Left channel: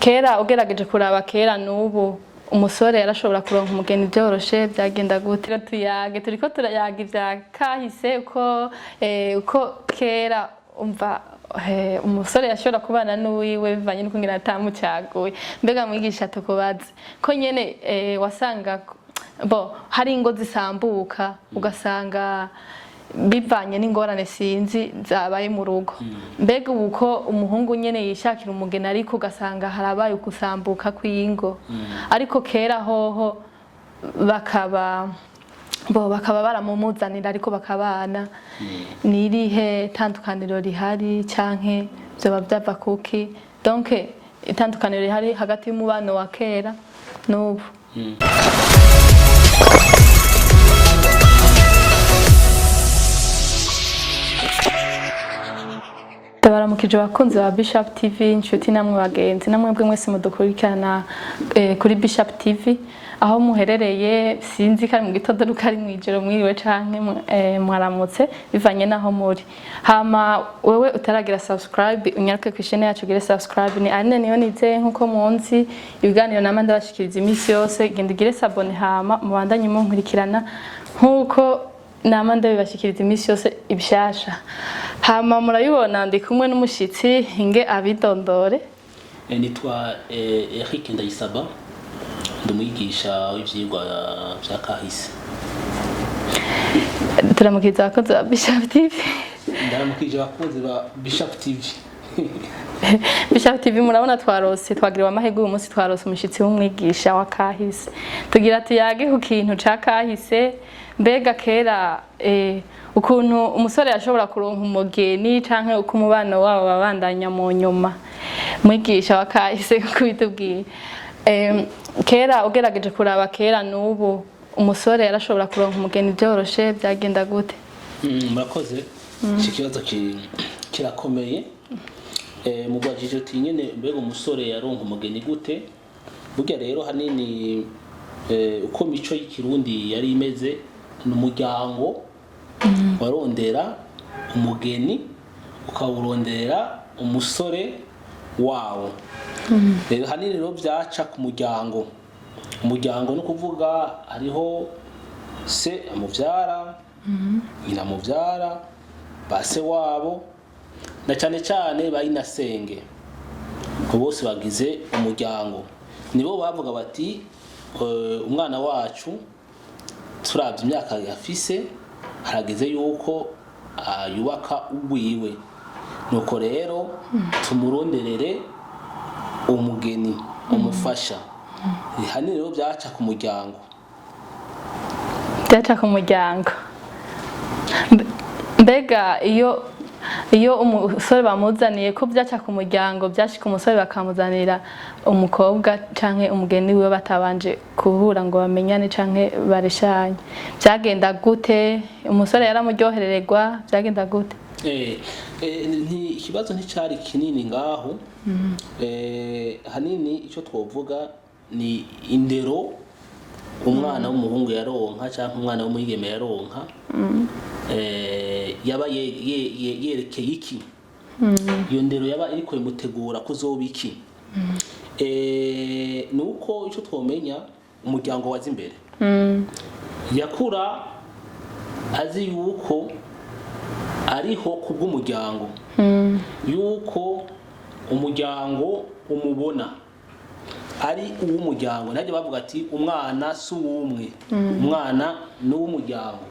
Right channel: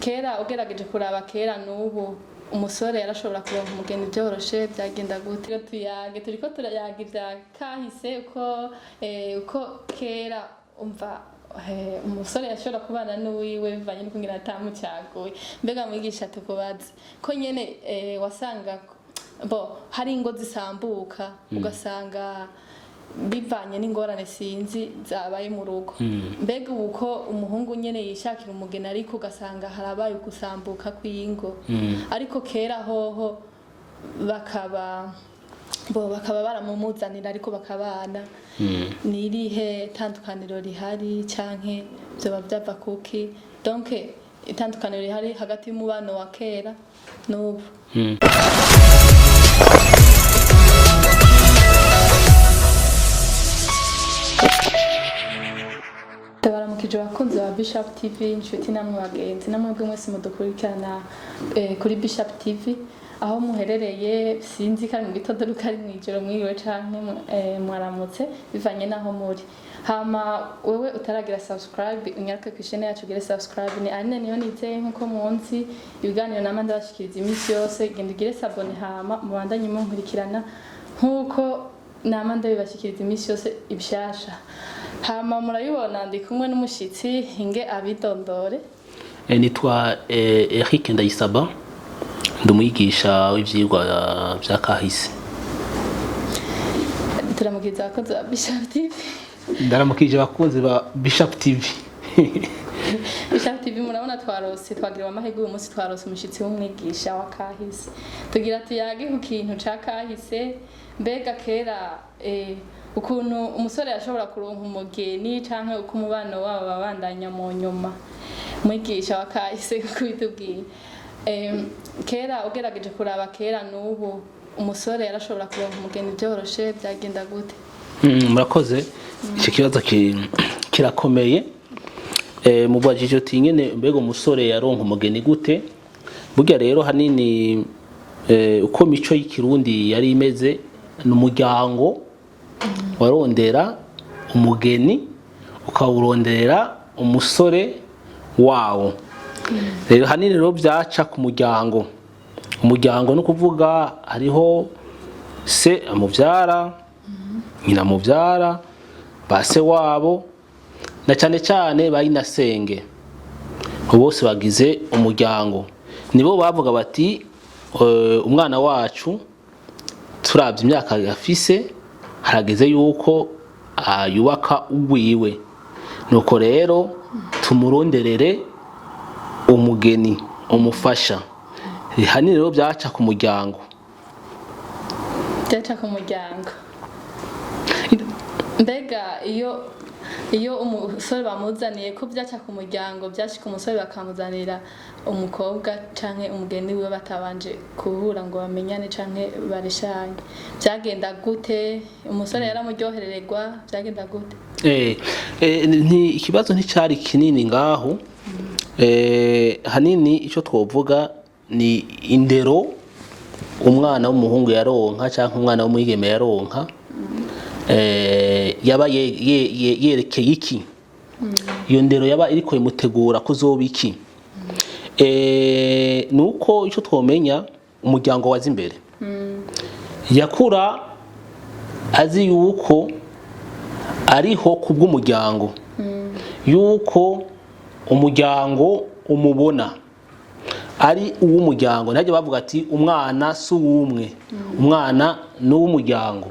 kera ugerageje kuraba kera n'ubu umusore yarashobora kuronka umugeni byoroshe byagenda gute turiko turayaga ivya kahise uko kera umva umusore yashobora kubana n'uwiwe bivanye n'uko ngira atamucaguye mbega mwigisha tukubaze ko nyene wasanga hari ingo zisambuka ugasanga bivanye n'ingorane sinzi zabaye mu rugo mbega uko umuhungu nyene yishakira umugeni ariko ugasanga harabaye ukusambuka kw'ingo ariko kera hoho bakaba baramumuzanira ariko bakabana nirihe tandukaniro rihari canke byoba byava kuki donc itandukaniro rihari hagati y'umubano wa kera n'ubu Ndabaramukije abakunzi ba Bishop TV inshuti namwe bagenzi namwe bwe mwese mudukurikirana kuri Bishop TV aho muherereye sinzi kari mu gitondo rukari mwijoro mwiriwe canke mwaramutse bivanye naho muri hama wewe utaragira subscribe unyaruke ku channel yacu gire subscribe ni Anne niyo nize nkuko munsi ibiganiro namanda bashikiriza imisi yose genda gire sabone hama mubandanye munkurikirana nkuko namanda bibashikiriza imisi yose ibishasha hama murayibona ndi kumwe n'umushitsi inge abidondore nitwa Eric Ndayisaba ndumwigisha w'ivyigwa vya kahise turamukiza abakunzi ba Bishop TV ndaramukije abakunzi ba Bishop TV Bishop TV murabona twagiriwe amahirwe uyu munsi twarose umushitsi w'umwigisha wa kahise tugira tuyage ku kintu ca kahise mbega kera ukuntu umusore yashobora kuronka umugeni canke uko umubano wabo babandanya mu nyuma mwigisha wa kahise kubitubwiye kera ugerageje kuraba kera n'ubu umusore yarashobora kuronka umugeni byoroshe byagenda gute murakoze iki kibazo kirakomeye mubajije uti nyene mbega umusore yaronka umugeni gute burya rero hanini uko mico y'ikirundi yari imeze n'umuryango warondera umugeni ukawurondera umusore wawo rero hanini rero byaca ku muryango no kuvuga hariho se amuvyara nyina amuvyara base wabo na cyane cyane bayinasenge bose bagize umuryango nibo bavuga bati umwana wacu turabye imyaka yafise harageze yuko yubaka uwiwe nuko rero tumuronderere umugeni umufasha hanini rero byaca ku muryango mbega iyo umusore bamuzaniye ko byaca ku muryango byashika umusore bakamuzanira umukobwa canke umugeni wiwe batabanje kuhura ngo bamenyane canke bareshanye byagenda gute umusore yaramuryoherererwa byagenda gute ikibazo nticari kinini ngaho hanini ico twovuga ni indero umwana w'umuhungu yaronka canke umwana w'umwigeme yaronka yaba yerekeye iki iyo ndero yaba iriko imutegura kuzoba iki nuko ico twomenya umuryango waza imbere yakura azi yuko ariho kubw'umuryango yuko umuryango umubona ari uw'umuryango ntajye bavuga ati umwana si uw'umwe umwana ni uw'umuryango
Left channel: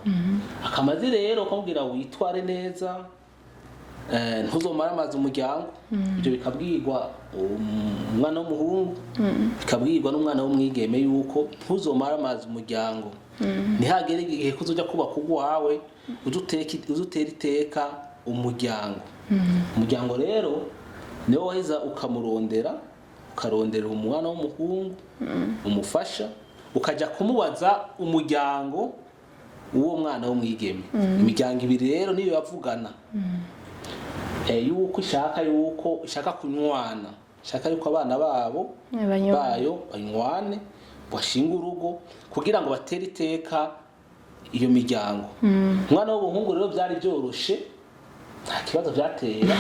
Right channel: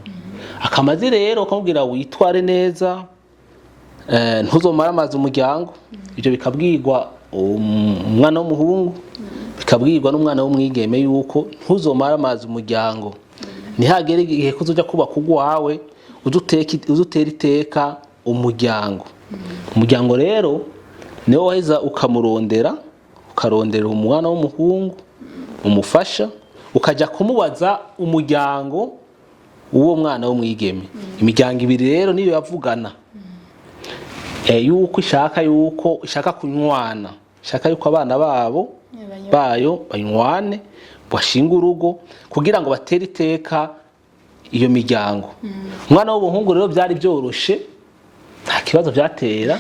akamaze rero akamubwira witware neza ntuzomara amazi umuryango ibyo bikabwirwa umwana w'umuhungu bikabwirwa n'umwana w'umwigeme yuko ntuzomara amazi umuryango ntihagere igihe kuzoja kubaka ugwawe uzutera iteka umuryango umuryango rero niwo waheza ukamurondera ukarondera umwana w'umuhungu umufasha ukaja kumubaza umuryango uwo mwana w'umwigeme imiryango ibiri rero niyo yavugana yuko ishaka kunywana ishaka yuko abana bayo banywane bashinga urugo kugira ngo batere iteka iyo miryango umwana w'umuhungu rero byari byoroshe nta kibazo byatera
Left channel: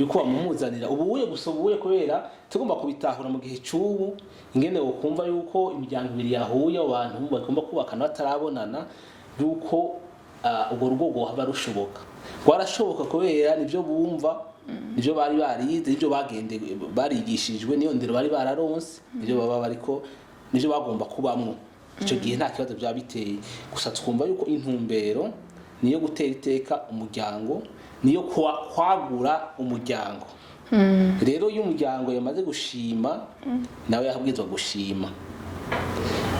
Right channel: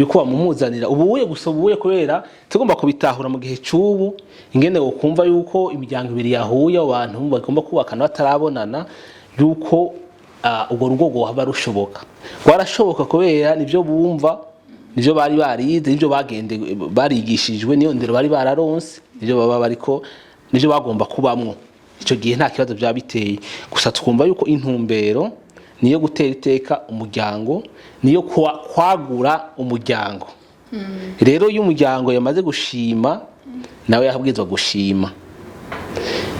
yuko bamumuzanira ubuye gusa ubuye kubera tugomba kubitahura mu gihe cy'ubu ingene wokumva yuko imiryango ibiri yahuye abantu bagomba kubakana batarabonana yuko ubwo rugo rwaba rushoboka rwarashoboka kubera nivyo bumva nivyo bari barize nivyo barigishijwe niyo ndero bari bararonse nivyo baba bariko nivyo bagomba kubamwo ico gihe nta kibazo byabiteye gusa twumva yuko intumbero niyo gutera iteka umuryango niyo kwagura umuryango rero iyo umuryango yamaze gushima nawe yahabwirizwa gushima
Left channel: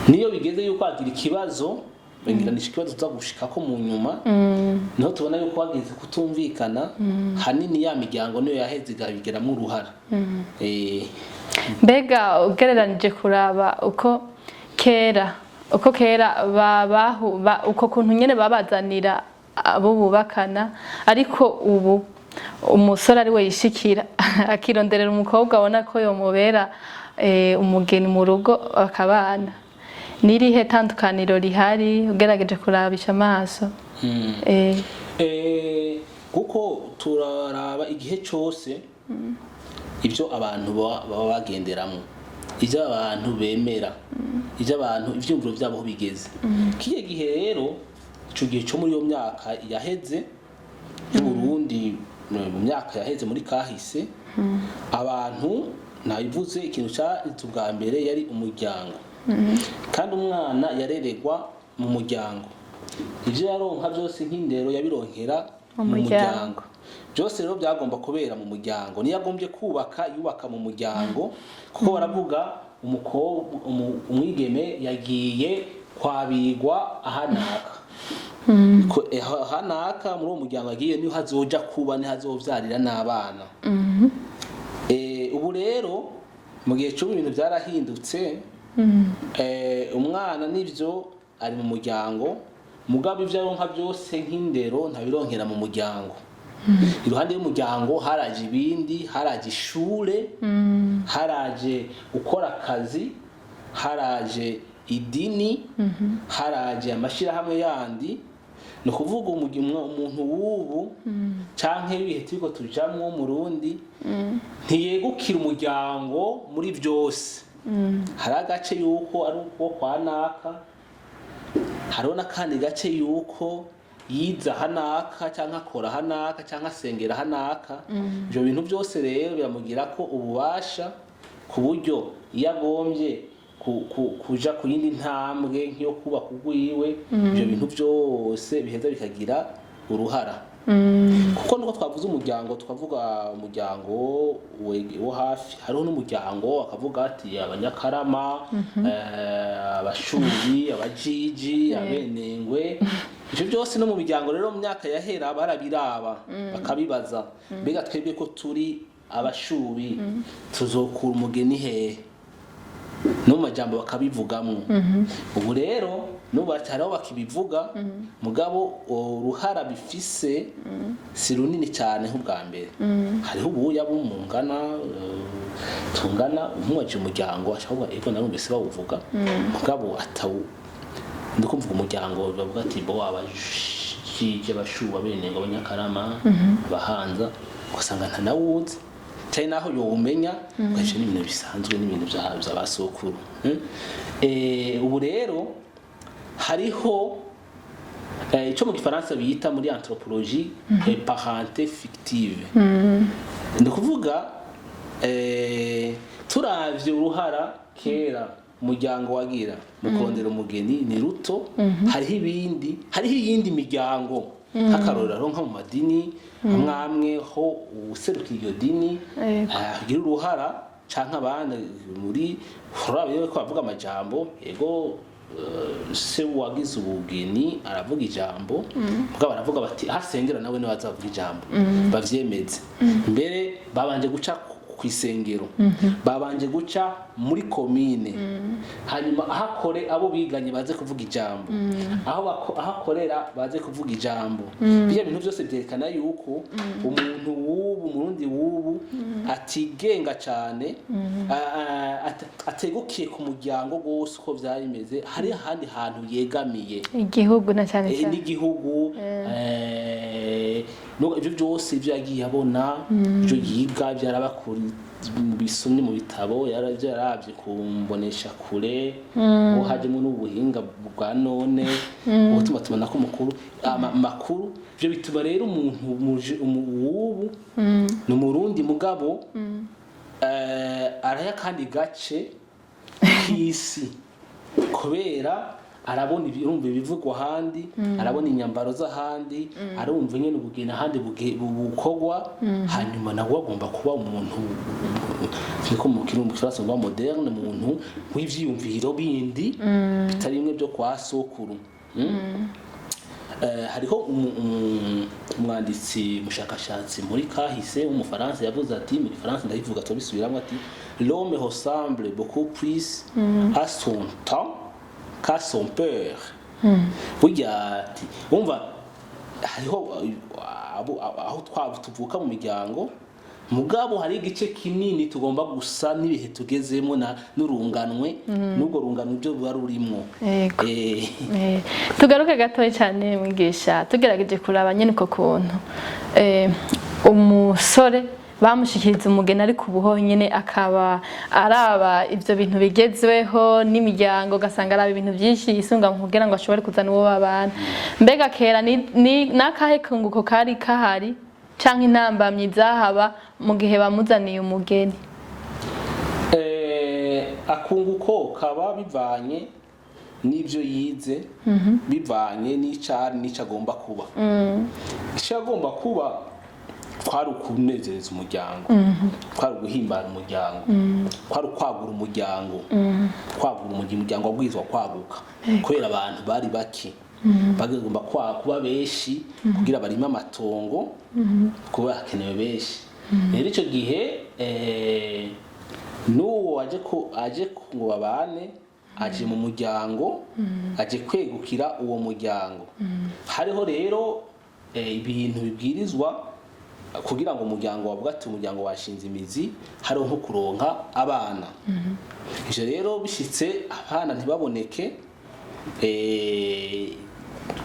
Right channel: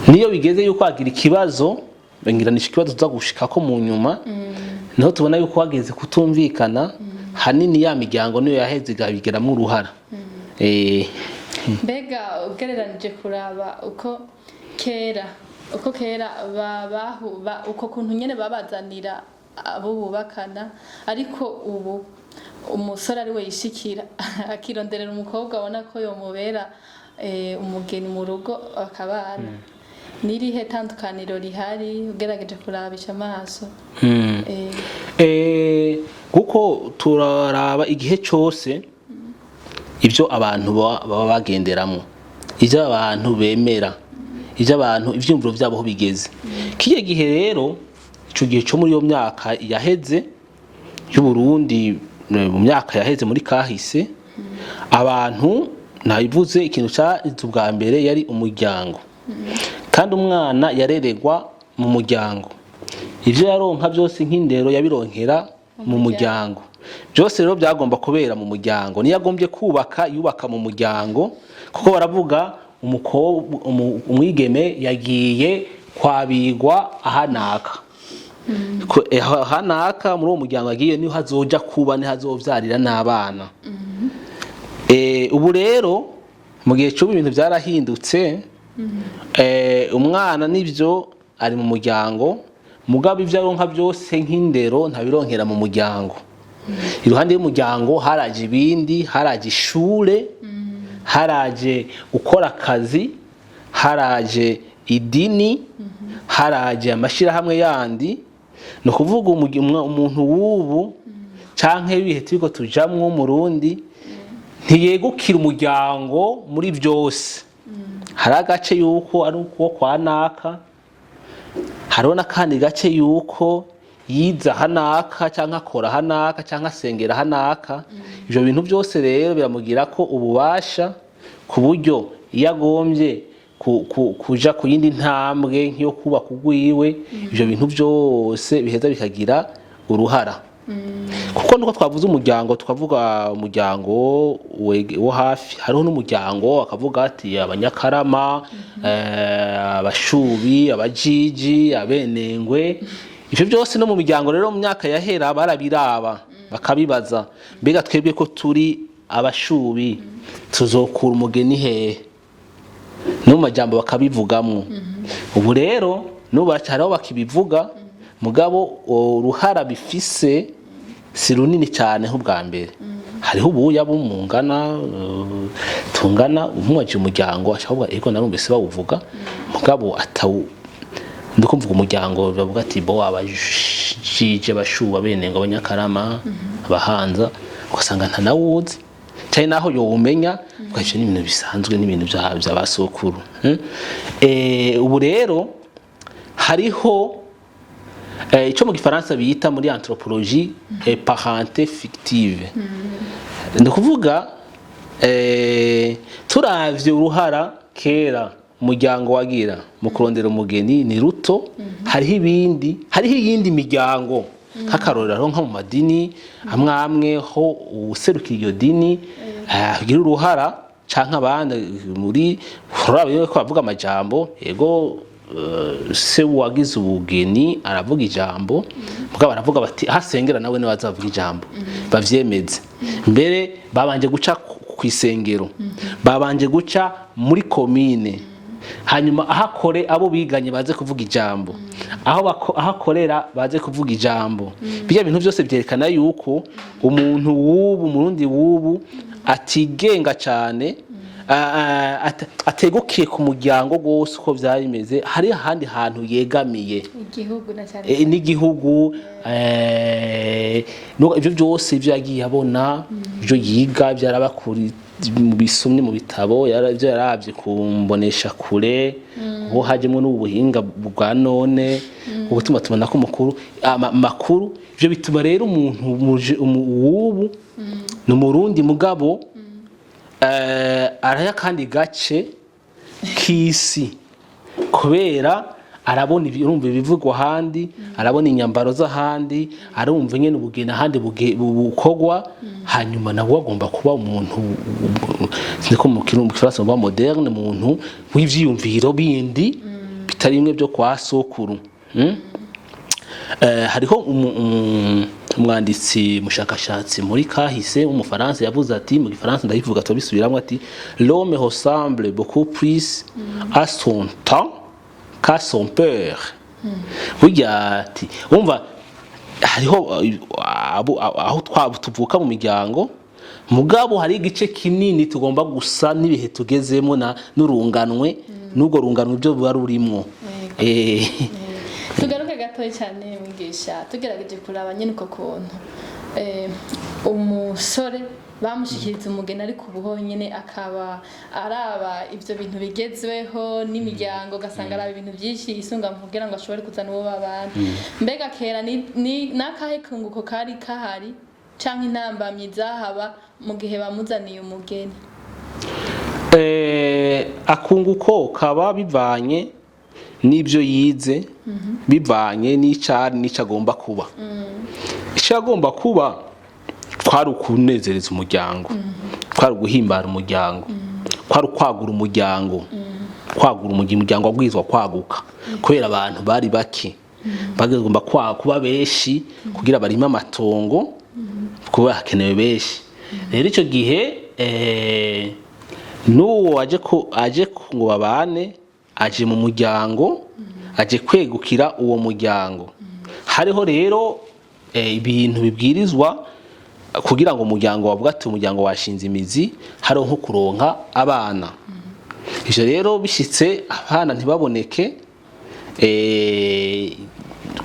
niyo bigeze yuko agira ikibazo bengiranisha ikibazo tuza gushika ko mu nyuma niho tubona yuko wageze kutumvikana hanini ya miryango niyo yaheze igabigeramo uruhara mbega ugereranije kuraba uko kera uko kuntu nyene babazanira abo bubakana ariko ubu umusore ari we yishikira akironderera umukobwa abona ko yomubera umugeni mu rugo akabana nirihe tandukaniro rihari ugerageje kurabisha amaso kuko turaraba igihe cyose ibyo abantu baba bagenderamo ibyo abantu bemera ibyo abantu ivyumviro byabo ho bigeze kiye gihe rero ico gihe cyo muri yo myaka yaheze y'u Burundi mu myaka yaheze muri kahise abantu nabivuze ikintu cyaje ubwa mbere yari umuryango kandi umwana yareregwa mu muryango ivyo yaronka byose nk'indero yabironkera mu muryango byose rero byagomba kubera mu muryango niyo yagombye yubaka mu muryango kuko baravuga umwigeme yagiye kwabigwa ahanaka ahanaka muri uwo muryango agiye niho hazoja kuba niho hazovyarira n'abana ubu rero mu gihe cy'ubu ibintu byarahindutse umwana nivyo ari mu muryango mugabo ivyo aronka byose nk'indero ntabironkera mu muryango iruhande y'umuryango haraje ibindi haraje ishure haraje gukora akazi haraje idini haraje amashirahamwe yandi no kuvuga umuntu w'ubu canke ibihe turiko tujamwo mu Burundi ntiyegukira umuryango muri byose hari agace yuko ari uko kwa naka hariho n'akandi gace yuko yiza hanaka cyangwa akora hanaka cyangwa asengera hanaka ibyo bintu byose rero biramugira ko ububasha ku buryo iyo agombye kuja ku yindi ntambwe nk'iyo kubaka ugwiwe ibyo bintu byose biheza bikagira uruhara kuko nuko twavuze umuryango tukavuga umuryango wo hafi hariho n'umuryango akavuga ati abanyakarama abashubi abajiji abenengwe ivyo byose no mu miryango rero mu myaka yahera barabiraba bakabibaza mbega twebwe ko turi abashubi tuzokura umugeni hehe no mu majambo bakabivugamwo ubu rero n'ubacyaraho bakibivuga mugabo uruhara bifise si runini cyane nk'ubwa mbere hariho ubuya bumungana tungana umwaje umuryango ashobora ego narumvise bawuvuga mugabo atawu ndikumvuga umuryango bavuga ati bo abajije bashuba benenga abanyakarama abahanza ugasanga nta nawuzi cyane naho yo umenya ugaje n'ibintu bisanzwe n'ibintu bya basokuru ubu rero hariho ico mu gifaransa bita muri anthropologie parenté fictive ndikuvuga turavye uruhara kera umuryango wagira mu kurondera umugeni ni ruto hariho iyindi miryango nk'akarorero nko mu madini amwe ho userukira iyo dini agira uruhara canke abandi muri urabye ko bavuga amajambo yego se wagize ubugeni aravuga ijambo mugabo baravuga bati hasengera nawe niwe azavuga ijambo bavyemeze mbere babanje guca ku isengero babanje guca muri komine hanyuma ahakore abo biganye baze kuvuga ijambo, ahakorera baze kuvuga ijambo. Bijya bintu byose byerekana yuko umuntu w'ubu murundi w'ubu atigenga cyane, ategukiye ku muryango gose uko byari bimeze, hari ahandi hantu yegamiye igihugu na cyane n'igihugu. Ibyo byose ibyo yagiye abona, ibyo yiga byarabakuri mu bisumye mu bitabo, ibyo yarabye kumbonesha kure, ngo hajemo n'ubuhinga bwa none ubutuma tubona ko makuru. Ibyo bituma rero umuntu w'ubu ni umurundi mugabo araya kandi gace k'isi, kubera arabona urumva ibivugwa ahandi, arabona inyambaro z'ahandi, arumva nyene ubugeni ahandi bukogwa, hanyuma nawe agomba kuba umuntu niko mu Kifaransa ba moderne, umuntu w'ivyiyumviro bindi bitari bimwe byo kwa sokuru. Hariho umwanditsi mushakashatsi muri kahise w'umufaransa yavuze ati, mu Gifaransa ndayivuga tubisubiramwe ati, l'homme ressemble beaucoup plus à son temps qu'à son père. Burya ati umva hariho aho tuvuka mu miryango, mugabo hari igice kinini tugomba gusa n'ibihe tugezemo n'urunganwe, n'ubwo runganwe byo buba rurimwo. Tugaruke gatoya cyane mwigisha, tugerageje kuraba nyine uko kuntu umusore bamushikiriza umugeni ariko ubuho nyine akaba araba ivyo bintu bigezweho n'imiryango, gasanga araba ibintu byinshi isunga mu kugira ngo ashobore kuzana uwo babana. Mbega kera ni nakahe kunguko kari kahari canke intambamyi zahaba mu gihe bamuzaniye umugeni? Akunguko kaba bivanye n'ibyo yize, bivanye n'icyo agomba kuba. Icyo agomba kuba kwari ukunezereza umuryango, kwari guhimbara umuryango, kwari kwagura umuryango, umuryango wabwirizwa kwaguka, kubera abantu bari bake, bagomba kuba benshi kugira barime amatongo, kuba hakenewe benshi. Rero icyo gihe n'uwo aje ngo babane, aje mu muryango, aje kwegukira uwo muryango. Hariho rero ibintu bibwirizwa kugira ngo umuryango wavuga ati umuryango washinze imizi, hariho nko kuronka abana. Ivyo rero bishitse abana ntibaboneke,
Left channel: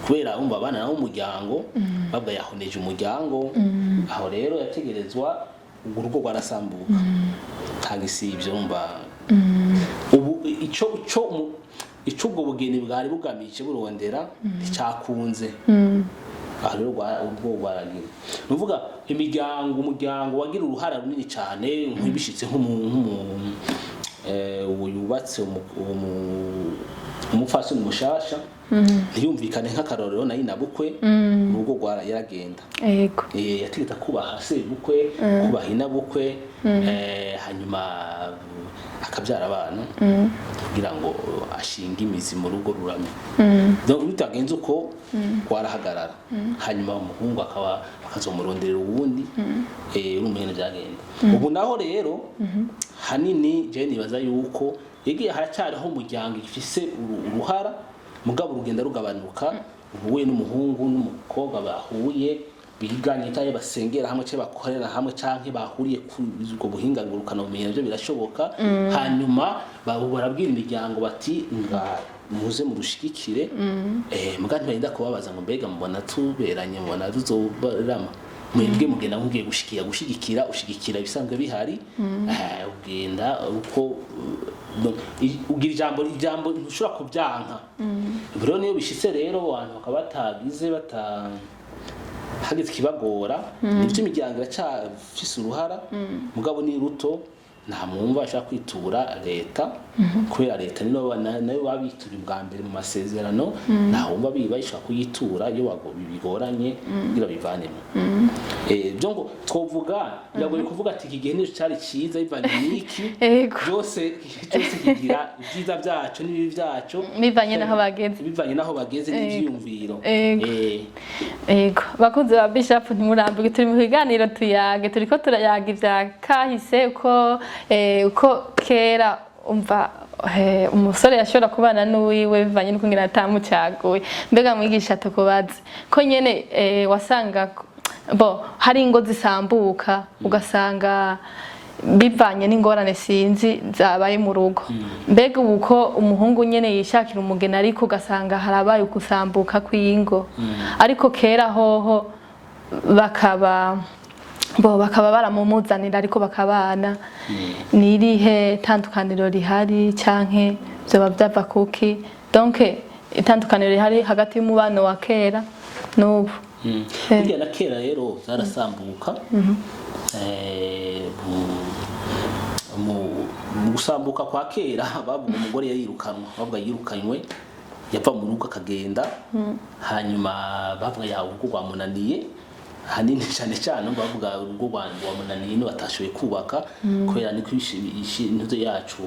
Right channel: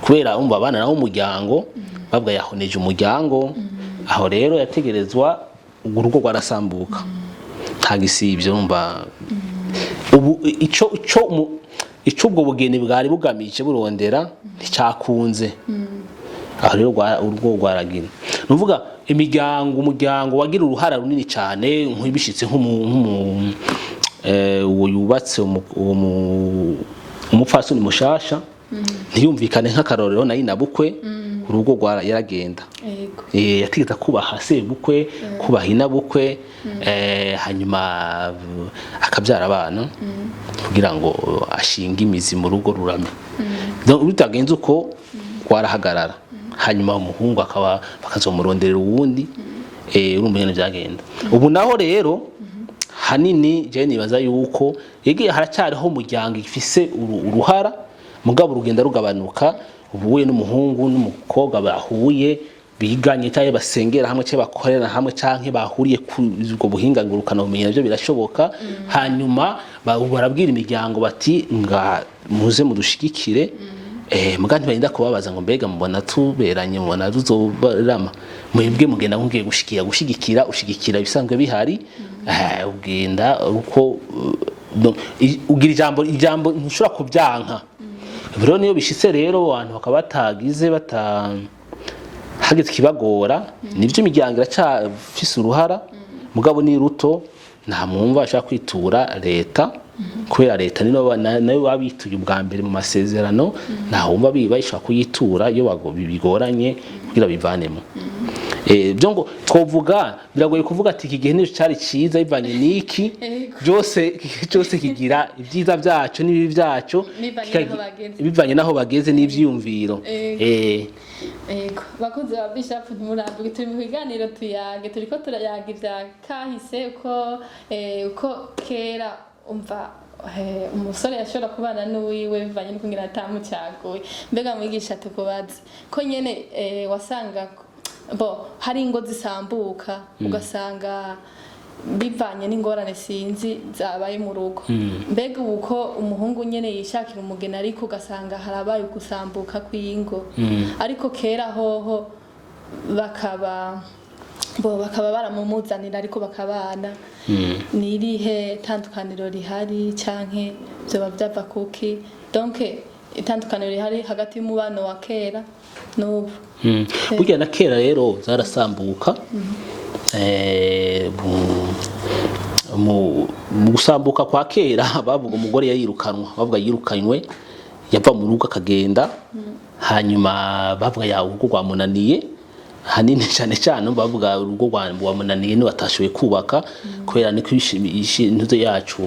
kubera umva abana nawo umuryango babwa yahoneje umuryango, aho rero yategerezwa urugo rwarasambuka. Ntagisivyo umva ubu ico ubwo bugeni bwari bugamije burondera nticyakunze. Aho rero urugo rwaragira, nuvuga umuryango wagira uruhara runini cyane, nk'ibishitse uwo yubatse umupfasoni mushasha, ntiyumvikane nk'akarorero nayo inabukwe, urugo yaragenda. Yategeka kubaha sebukwe, kubaha inabukwe, hanyuma akabyara abana kugira ngo ashinge imizi mu rugo rurame. Bitagenze uko rwarahagarara, hanyuma umuhungu bakazomurondera uwundi, urumva nyene byagenda. Ubu naho rero hanini je nibaza yuko yegeye haracyariho umuryango ifise uruhara, mugabo urugenda rugabanuka. Ubuye n'umuhungu n'umukobwa bahuye, biganye cyangwa basengera hamwe cyangwa bakorera hamwe cyangwa bahuriye ku ubwo buhinga ngurukana ubumenyi, nabyo birashoboka. Hanyuma barabwira imiryango bati nga muze mudushigikire, muganti barinda kubabaza ngo mbega mubona tuberanye, mubona tuzobarama, mwebwe mugenda ngiye ushigikira bisanzwe bihari. Ugenda uko ugira ijambo ntushobora kubyanka. Rero niyo bishitse rero abantu bakaba batagize hageze kibagora, nivyo imiryango iracyafise uruhara, mugabo ni ruto, nta mwumva ashaka kwitura leta, kubera leta nayo babituye ubwa mbere mu masezerano, nta wumva bayishaka kuyitura iyo bigoranye kugira bivanemo. Byo ngo twovuga biragoye kuvuga ati iki gihe nico cyari ciza bivanye niki, byose kigira ibyiza byacu n'ibibi byacu, bivanye naho bageze n'ivyiyumviro. Bakoze ba Bishop ntimurambirwe, turi mu biganiro tuyage, turiko turayaga ivya kahise uko kera umva umusore yashobora kubana n'uwiwe bivanye n'uko ngira atamucaguye. Mbega mwigisha tukubaze ko nyene wasanga hari ingo zisambuka ugasanga bivanye n'ingorane sinzi zabaye mu rugo. Mbega uko umuhungu nyene yishakira umugeni ariko ugasanga harabaye ugusambuka kw'ingo, ariko kera hoho bakaba baramumuzanira ariko bakabana. Nirihe tandukaniro rihari canke vyoba vyava kuki? Donc itandukaniro rihari hagati y'umubano wa kera n'ubu. Burya na kera rero zarasambuka. Mu gusambuka kwa kera bavuga umugore yayirukanwa, bavuga yirukanywe, yava mu rugo akagenda, hanyuma bavuga ya urugo rwamunaniye. Hanini cyane cyane bavuga urugo rwamunaniye ni batashoboye kubaka kubera niko intuze yacu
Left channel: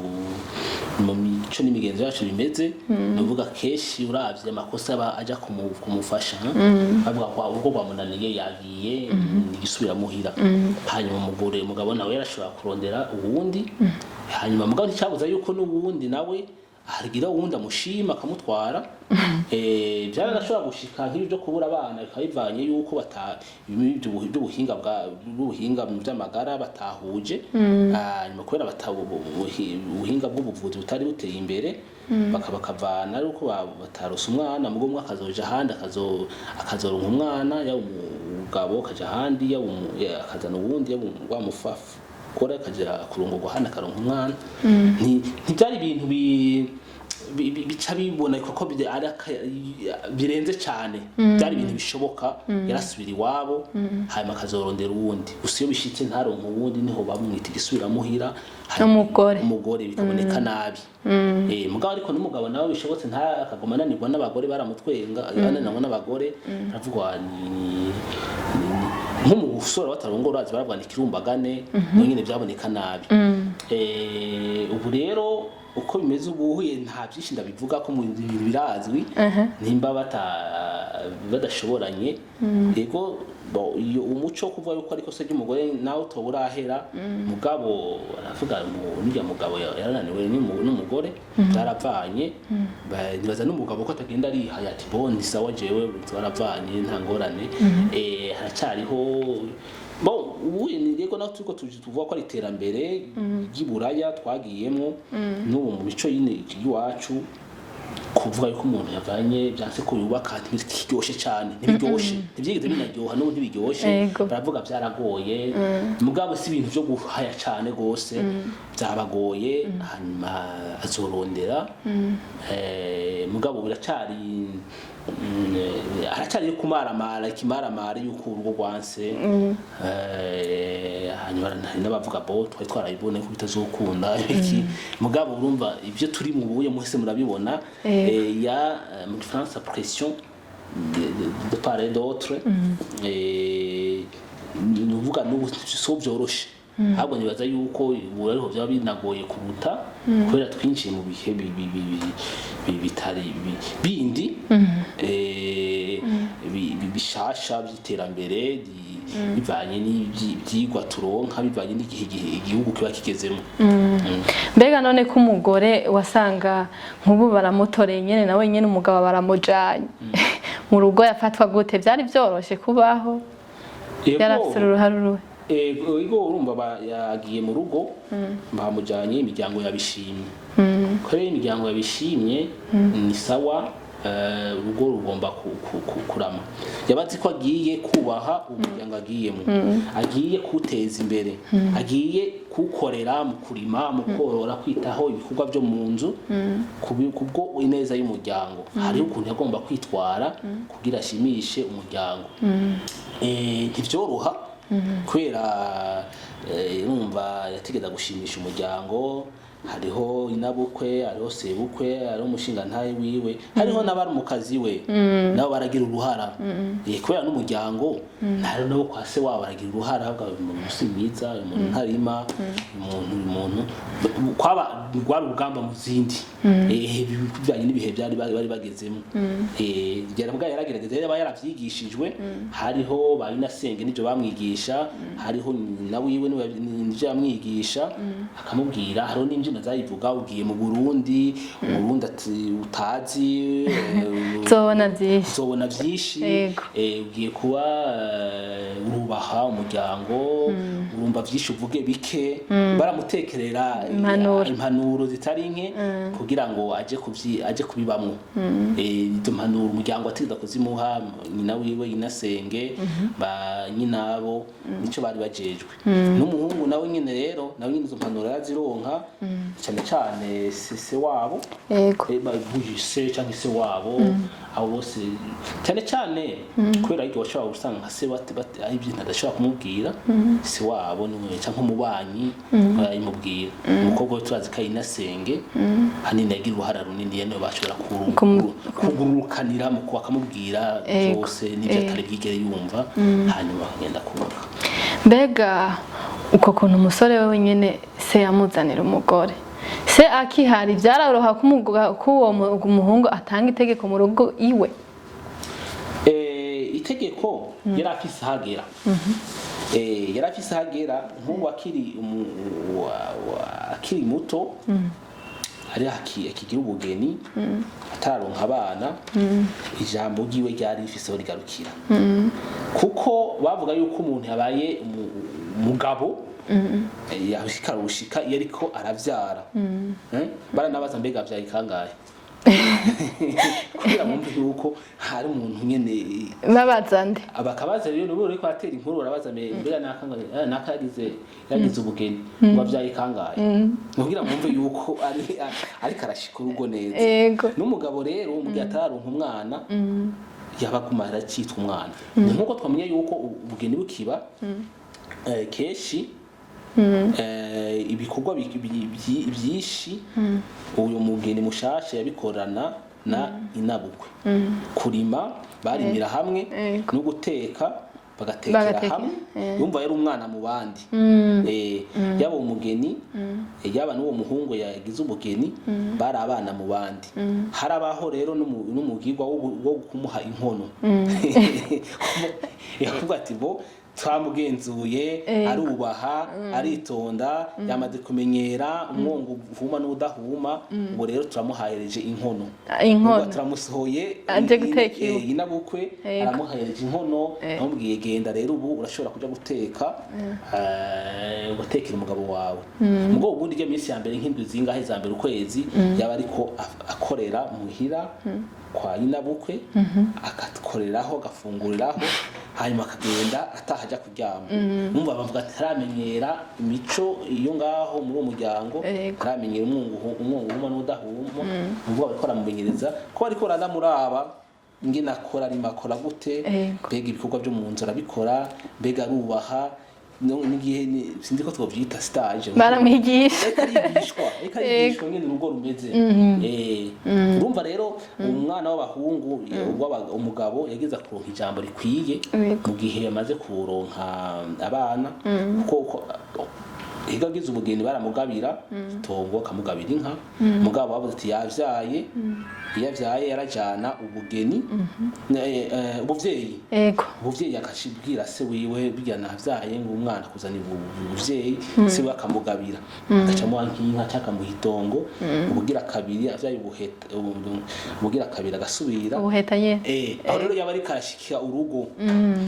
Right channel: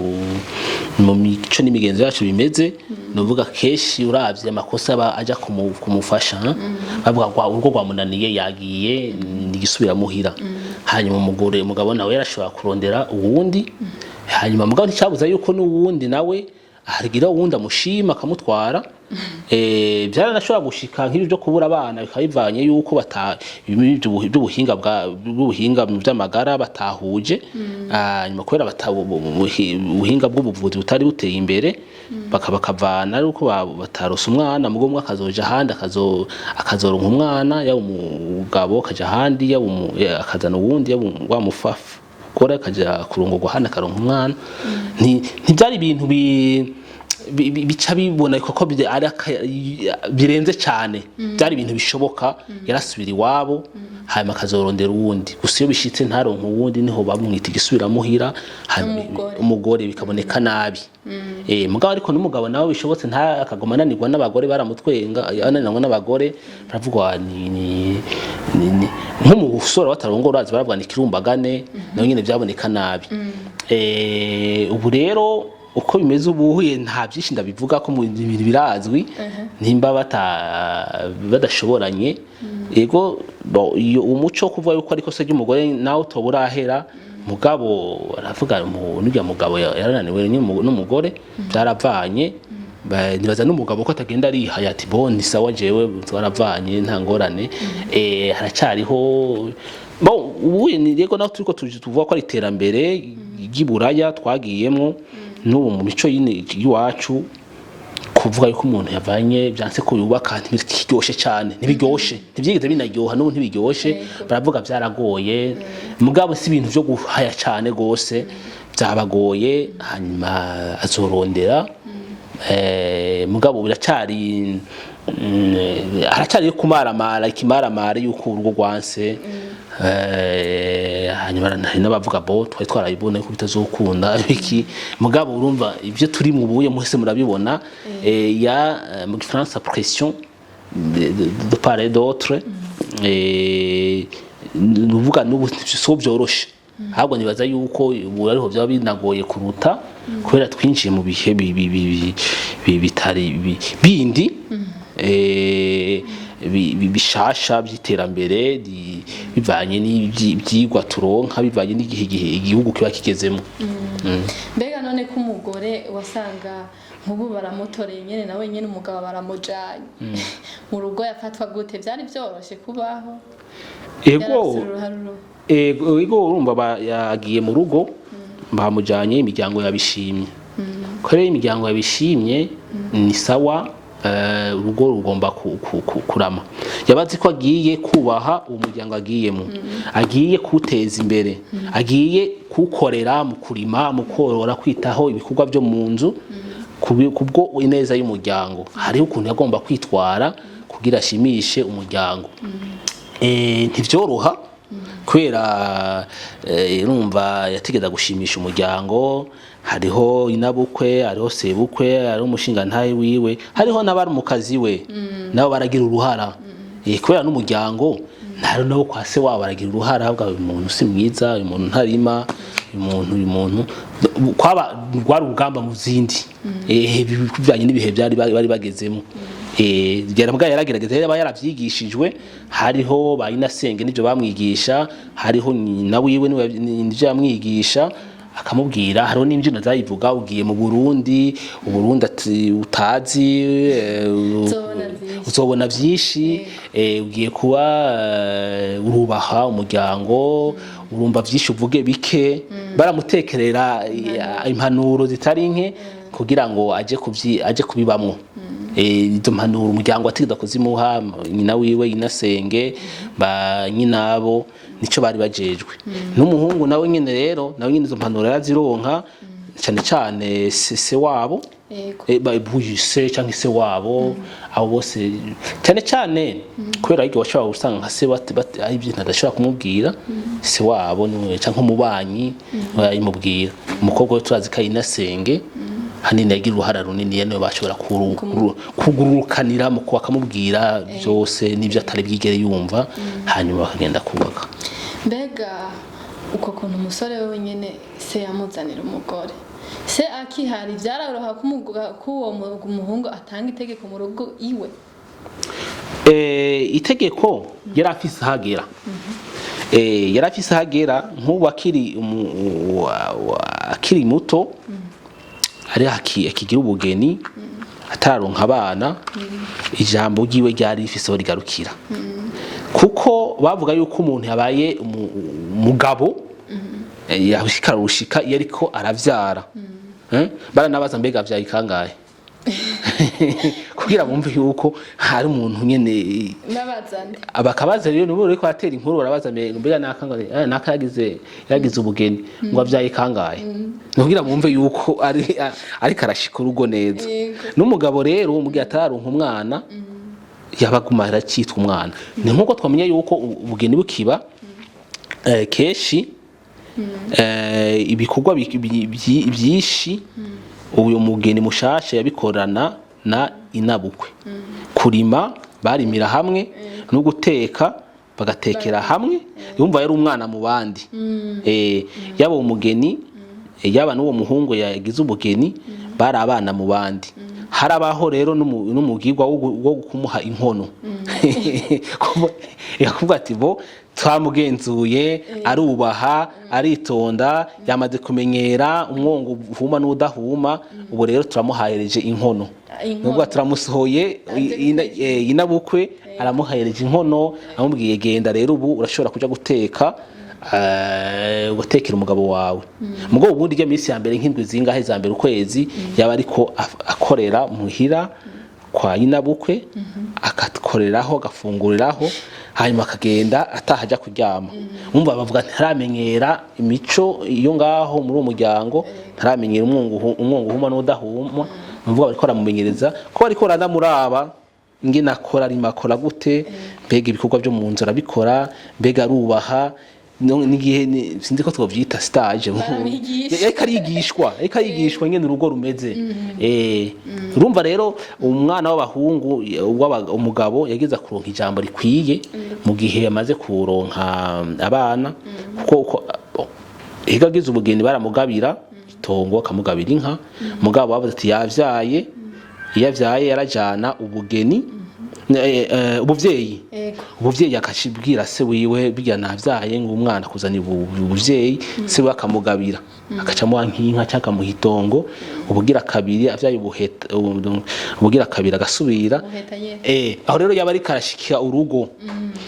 mu mico n'imigenzo yacu bimeze. Nuvuga keshi uravye amakosa aba aja kumufasha, bavuga urugo rwamunaniye yagiye nigisubira muhira. Hanyuma umugabo nawe yarashobora kurondera uwundi, hanyuma mugabo nticabuza yuko n'uwundi nawe harigira uwundi amushima akamutwara. Byaranashobora gushika nk'ibi byo kubura abana bikabivanye yuko by'ubuhinga by'amagara batahuje. Nyuma kubera ubuhinga bw'ubuvuzi butari buteye imbere bakavana ariko batarose umwana, mugo umwe akazoja ahandi akazoronka umwana, yaba umugabo akaja ahandi, yaba akazana uwundi, yaba wamufafa kora akaja kurongorwa hana akaronka umwana. Ntibyari ibintu bica bibona koko birenze cyane. Byari ibintu bishoboka. Yarasubira iwabo hanyuma akazorondera uwundi, gusa iyo bishitse ntaronka uwundi niho bamwita igisubira muhira umugore bikaboneka nabi. Mugabo ariko n'umugabo nawe bishobotse nta akagoma ananirwa n'abagore baramutwenga, ananirwa n'abagore baravugwa nko mu busore batarongora urazi baravugwa ikirumbagane naho nyine byaboneka nabi. Ubu rero uko bimeze ubuhuye nta byinshi ndabivuga ko mu bintu birazwi. Nimba badashoboranye yego iyo umuco kuvuga yuko ariko se ry'umugore nawe utoburahera, mugabo aravuga n'urya mugabo yarananiwe n'umugore byaravanye. Nibaza n'umugabo ko atagenda ari hayati ni sawa jewe twaravanye nta ngorane. Haracyariho ubuye ni rego naho turiko tuvuga ko ari iterambere ry'iburaya twagiyemo n'ubu mu mico y'iwacu kuvuga yuko umuntu yavanye byanse ko yubaka ntibiryoshe cyane, ntibyigeze binaryoha n'ubu ntibiryoshe. Baravuga byaragoye, mugabo si ibintu byo guhaya cyane gose, byabagoye. Hanyuma azorondera mugabo biracyari haracyari kumaramara ikimaramara yuko urugo rwanse. Hanyuma n'abavuga twari twarayibona ko bitazokunda iki, mugabo urumva ibyo turi mu buye muhese murabibona. Mu Gifaransa pression de part et d'autre, nuvuga n'ubu so byoroshe. Ahubwo nibaza yuko ubu ariho byaba binagoye kuruta kubera twinjiye mu bihe bitari bindi bishasha by'iterambere bivanye n'ibyigwa turonka, bivanye n'igihe igihugu kiba kigezemo. Mbega none ko umugore wasanga nk'ubu baramutoreye nyene nawe nyene umugabo baramujanye mu rugo yafatwa gute? Byari byoroshe kubaho? Yarafite uruhare ego urumva yagiye mu rugo bamujanye, imiryango yabishimye. Kore imiryango yabishimye ni sawa. Urugo rugomba kurama. Yabazi ko agiye kubaha umuryango agiyemo, agiye kuteza imbere, agiye kukorera mu kurima, mu korora, kwitaho ibikorwa byo mu nzu kubwo ineza y'umuryango. Hariho ukuntu yagomba kwitwara kugira ashimishe umuryango. Ntivyoroha kubera urumva yategeza gushimisha umuryango. Hariho inabukwe, hariho sebukwe, hariho umushinga ntaye wiwe, hariho n'abari mu kazi we nabo baragira uruhara. Kubera n'umuryango nabo kwa se wabo baragira uruhara. Ahubwo uyu muntu si mwiza, uyu muntu ntarima, uyu muntu kwaba rwari urugamba mu zindi bivanye n'ibihe bari bagezemo. Yaragerageza yaba yaravyigishijwe. Hariho bayinasenge n'ibyo bamwigisha, hariho na wiwe n'ibyo yamwigisha, akamubwira hariho n'imbyino zayivuga ugiye mu Burundi Uburundi ati utazi uzobona byinshi ugiye kuba urubaha umuryango urumva byinshi uvuge bike baramutekerera impanuro zitari nke kugira ngo aje kubibamwo izo mpanuro umuryango atigeza kuzimuha nyina wiwe inasenge ba nyinabo nico bari bajejwe n'umuhungu nawe nyene rero nawe nyene izo mpanuro yarazironka cyane cyane se wabo buyise cyangwa se wabo abo bose cyane cyane kubera ariko washobora gusanga nka se bati ari ibintu adashobora kumubwira se wabo niwe cyangwa umubanyi yimubwira umukobwa we turazi ko inasenge hanini yagira uruhara runini niwe bashobora kugurukanira mu bakamubwira byose n'ibyo atari byigere yumva hanyuma bakagenda kubaka. Mbega uko kuntu umusore we wenyine se yamuzanira umugore se akihari byaroroha ko uwo muhungu atanga itegeko mu rugo iwe itegeko yari afise hagera yari afise hagera nk'ubu akiri muto ari akigira ubugeni atararonka abana ijambo ryiwe ryari rifise rigarukira kuko bavuga yuko umuntu yabaye umugabo yashikara urushika iyo ariko aravyara baranabaza mbega avyaye kangahe kugira bumve yuko hari umuntu nyene babazande abakabaza rero nibo riko atera inkuru barabaza mbega naka yagize ubugeni ngo avyaye kangahe kugira bumve yuko ari karashika urugo neza n'umugabo rero umugiye atararonka umwana yabaguma aracitwa umwana ni nkuko twamenye yuko ubugeni bukiba keshi ibikorwa byinshi uyu mugeni mushasha yabikorana na inabukwe kurima barimira hamwe no guteka bagatekera hamwe yumva yari umwana mu bandi yaba umugeni yaba n'uwo muhungu yagize ubugeni bari abana mu bandi harabaho rero n'umugirwa wo kumuha inkono yakuvuga ati bo twamugenzuye arubaha aritonda yamaze kumenyera umwongo uhuma n'udahuma ubu rero turamuhayereje inkono nubwo turamusohoye inabukwe aramuhayereje inkono amubwiye genda rero ubu urashobora kuja guteka gutekera umugabo wawe mugabo ubundi rya minsi ya mbere nk'indwi zingahe za mbere ukwezi yaba ariko akorera muhira kwa inabukwe akakoreraho agafunguriraho hanyuma akagenda atahajya kuryama umva bavuga ntaramenyera imico iyo ngaho muri uwo muryango ntaramenyera umwongo uhuma n'udahuma bavuga bariko baramumenyereza ko bariko baranamuraba ingene akora arimo akora gute mbega ibikorwa byo mu nzu arabikora mbega arubaha n'igihe sinzi ko twovyita stage reka yigishwa ngene urugo rumeze urumva rero umwana w'abahungu umugabo yageza kuronka ijambo rikwiye mu gihe yamaze kuronka abana kuko igagize ubugeni baramugabira itongo kamugabira inka mugabo bavuze ati yavyaye iyo avyaye yarajana ubugeni ubuvyeyi akashibwira se wiwe bijya navyaye ngo umwana kuzana ubuvyeyi se we akamugabira akacamuha nk'inka cyangwa mu hitongo ubugira kabiri avyaye ubugira kabiri agasubira aho rero yaba ari karashikira urugo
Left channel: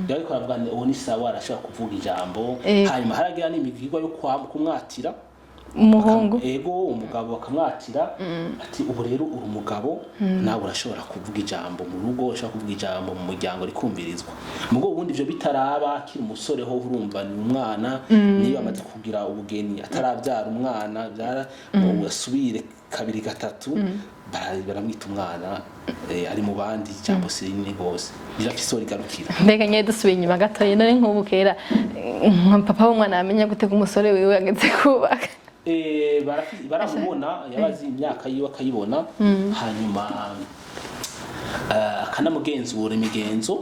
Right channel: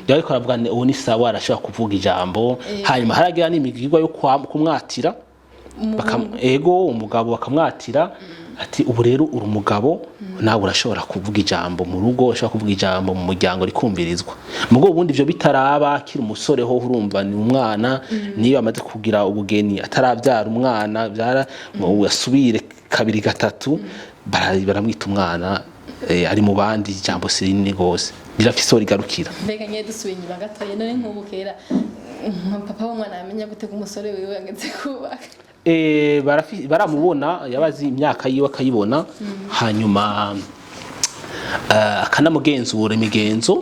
yari karavuga uwo ni sawa arashaka kuvuga ijambo hanyuma haragira n'imigirwa yo kumwatira umugabo bakamwatira ati ubu rero uri umugabo nawe urashobora kuvuga ijambo mu rugo urashobora kuvuga ijambo mu muryango rikumvirizwa mugo ubundi ivyo bitaraba kiri umusore ho urumva ni umwana niyo amaze kugira ubugeni ataravyara umwana byara yasubire kabiri gatatu baramwita umwana ari mu bandi ijambo sirini gose birafise rigarukira mbega nye dusubiye inyuma gatoye none nk'ubukera papa w'umwana amenya gutega umusore wiwe ageze kubaka baramubona yabazi imyaka yiwe akayibona hanyuma akanamugenzura imigenzo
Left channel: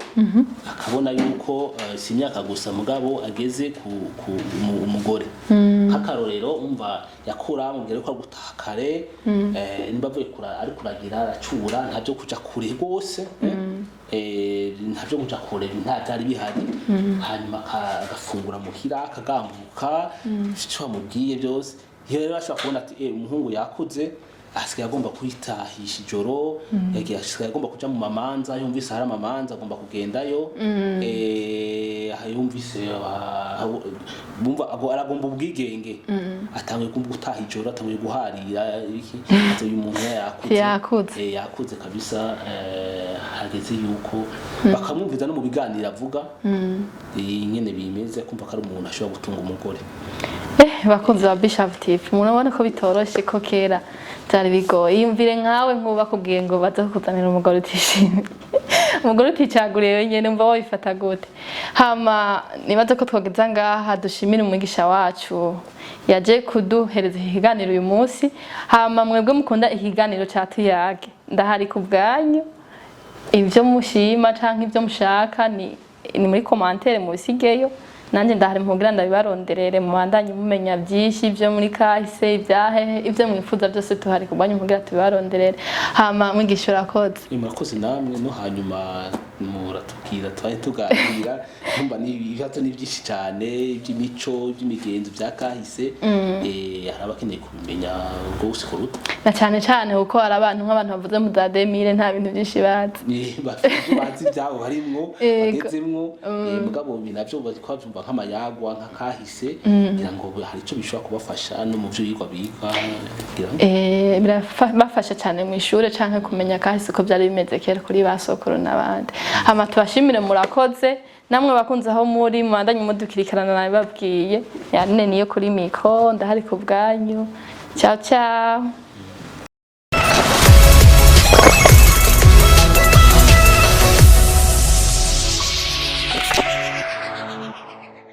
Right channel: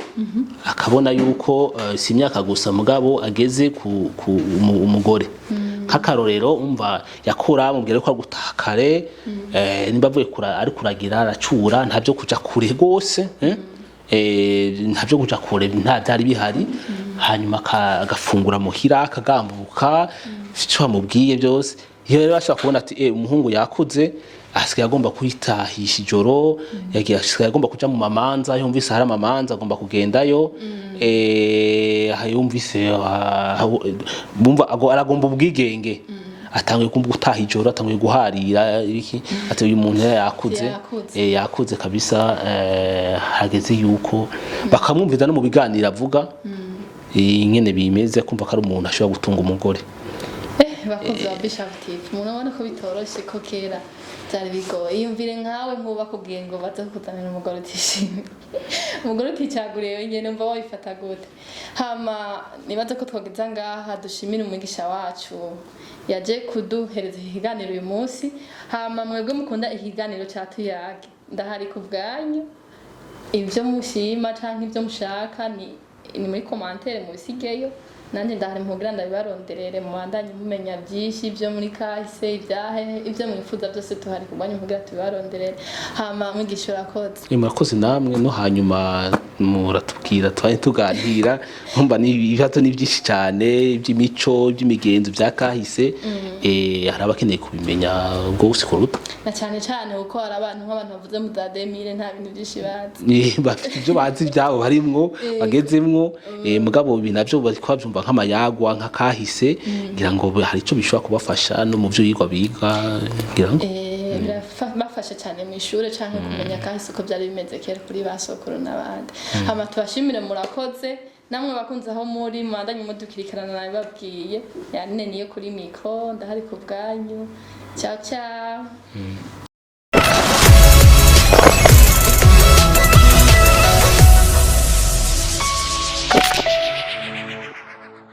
akabona yuko si imyaka gusa mugabo ageze ku umugore nk'akarorero umva yakura mubwire ko gutaha kare nimba avuye ari kuragira aracura ntabyo kuja kure gose ntabyo kuja kure nta byari bihari hanyuma agafungura muhira akagambuka cyo bamubwiye byose iyo rero bashaka kubona ati umuhungu yakuze asigaye agomba kwitahisha ijoro yagiye asigaye agomba kuja mu mamanza yumvise hari amamanza agomba kugendayo yumvise bumva aragomba ubwigenge atangiye kumva gutaha ijoro atangiye guharira iki ati uyu muntu yakuze kabisa hageze yuko bakamwumviza no mu biganiro avuga ingene bimeze kumva ko ari umuntu ashobora gutunga umugore bakunze ba Bishop TV murabona ko bitoroshe ko kera byari bigoye yumvire nkawe nkuba kubwiye ngo baze kuzanira umugore utishimye umugore uticaguriye wenyene mva wifata gute hama nibaze ko twageza ngaha dushimira umwigisha wacu yaje kuduhereza ikiganiro uyu munsi hama mwebwe mukunda ikiganiro cya tuyage ndahari ku bwanyu ibyo mushima canke ibyo mushaka ni muri commentaire mu bisigeyo nanje ndahari mugira ndabibaronderere mu bandanye mumenya byinshi ibyo muri kahise ibyahe ibyo mwifuza byose tuhari kubanya mugira tubibaronderere hama mwigisha urakoze murakoze namwe no hanyuma muratubwira twanye tuganira nkumva ni ibibazo ni byinshi cyane iby'imico iby'imigenzo bya kahise hari abakeneye kubimenya ngo usikuruta na cyane cyane uko hari abantu nk'abantu bavuze mu za 2000 nta bintu byinshi bazi bafite ibyo bazi byabo harimwo bagezemwo mugabo binavyo bari kwabyumva nk'amayagwa nka kahise ngira ngo hari ico bishobora kubafasha no mu byo yigwa biga ngira ngo birafasha cyane mu ishure canke kumenya kahise ko byari bimeze kera kuri basokoro n'abandi hama tubashimire murakoze namwe bakunze aho muri mwandanye mudukirikirana nabibabwiye yanene niyo kuri mikro ndahari ku bwanyu ciao ciao